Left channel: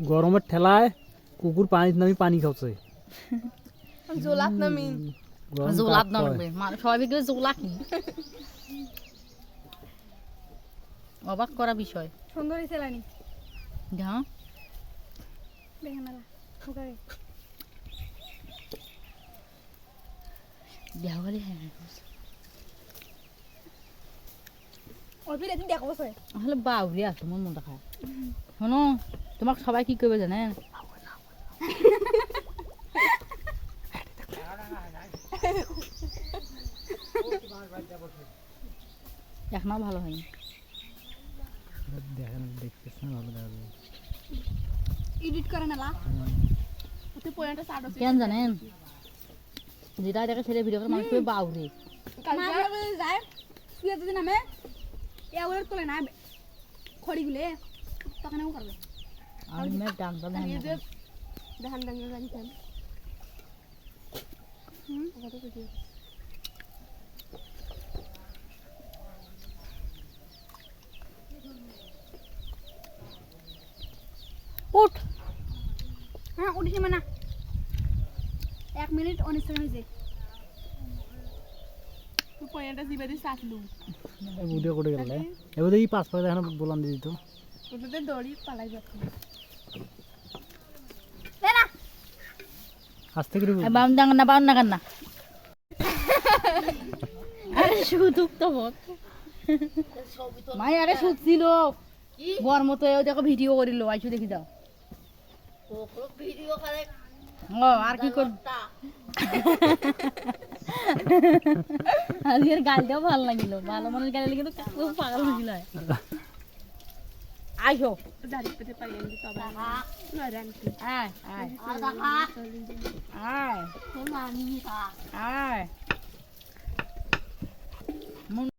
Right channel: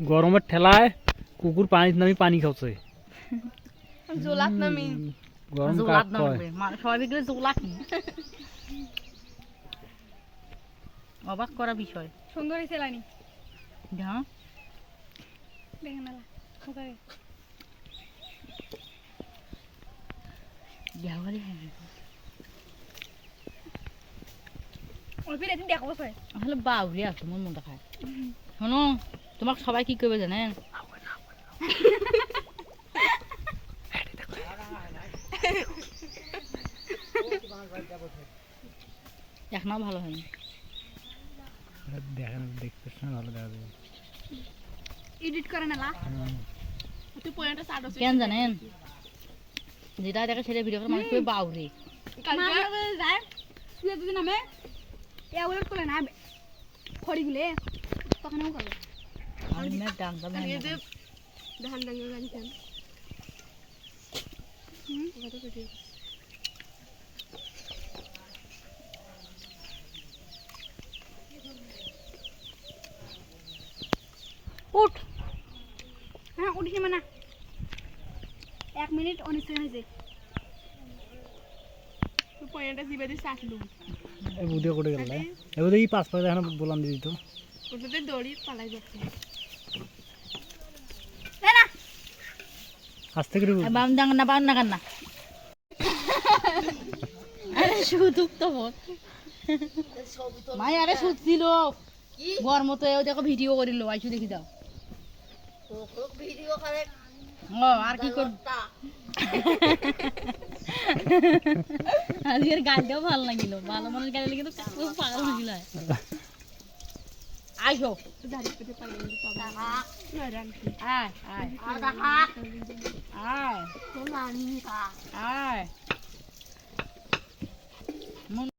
গরমের ঠেলায় কুকুর পানির নামি পানি খাচ্ছে জোলাত নামি। গরম জোলাত কাক না কয়। লাগবে মানে সবাই বিকেলে জোলা কি অবাক করা বিষয়। সুন্দরী ছেলানি হ্যাঁ দেখেন না ওকে দেওয়ালি অল্প একদিন দেখাবো স্যার আসলে বাউরি আছে আমার মনটা শোনো। তোমাক সবাই কি করবে জানেন এক মাস ভালো হয়নি দেখেন দেখতেছ না ভালো দেখা যাবে এডিট করে না লা তুই পয়েন্টটা সাড়ে কেন জানেন? যেটা দেখে ছেলে ভিডিও করে মানুষ বাউরি। যায় তুই যদি নামে এগুলো তোলে না খড়িগুলো তখন আমি করব। আমি ধান ডাঙ্গে জানিছেন হুম? কত কিছু উঠ। হ্যাঁ উঠিস মানে। এক মিনিট উনিশ সেকেন্ড হয়েছে। পয়েন্টটা জিবে দিয়ে চাটলু এই বুদিও করে গেল এবার দেখি পাঁচ পাঁচ এখন বলান দিয়ে দিত ওটাতে দড়ি পালাই যাচ্ছে। আস্তে করে বল। বাম না বাম না না। আরে তো বল। মাই আরে শুধছিল গরম তো এও দেখো ভিডিও করিল আইসু দেখি দাও ও আর কি কর আজকের গানটাও ভালো লাগিল। ভালো গান কিন্তু Ayo. Sudah dipetik pagi ini tuh bang. Nuran. Ah, ah. Ada ha. Ah. mana ni, kak? ai.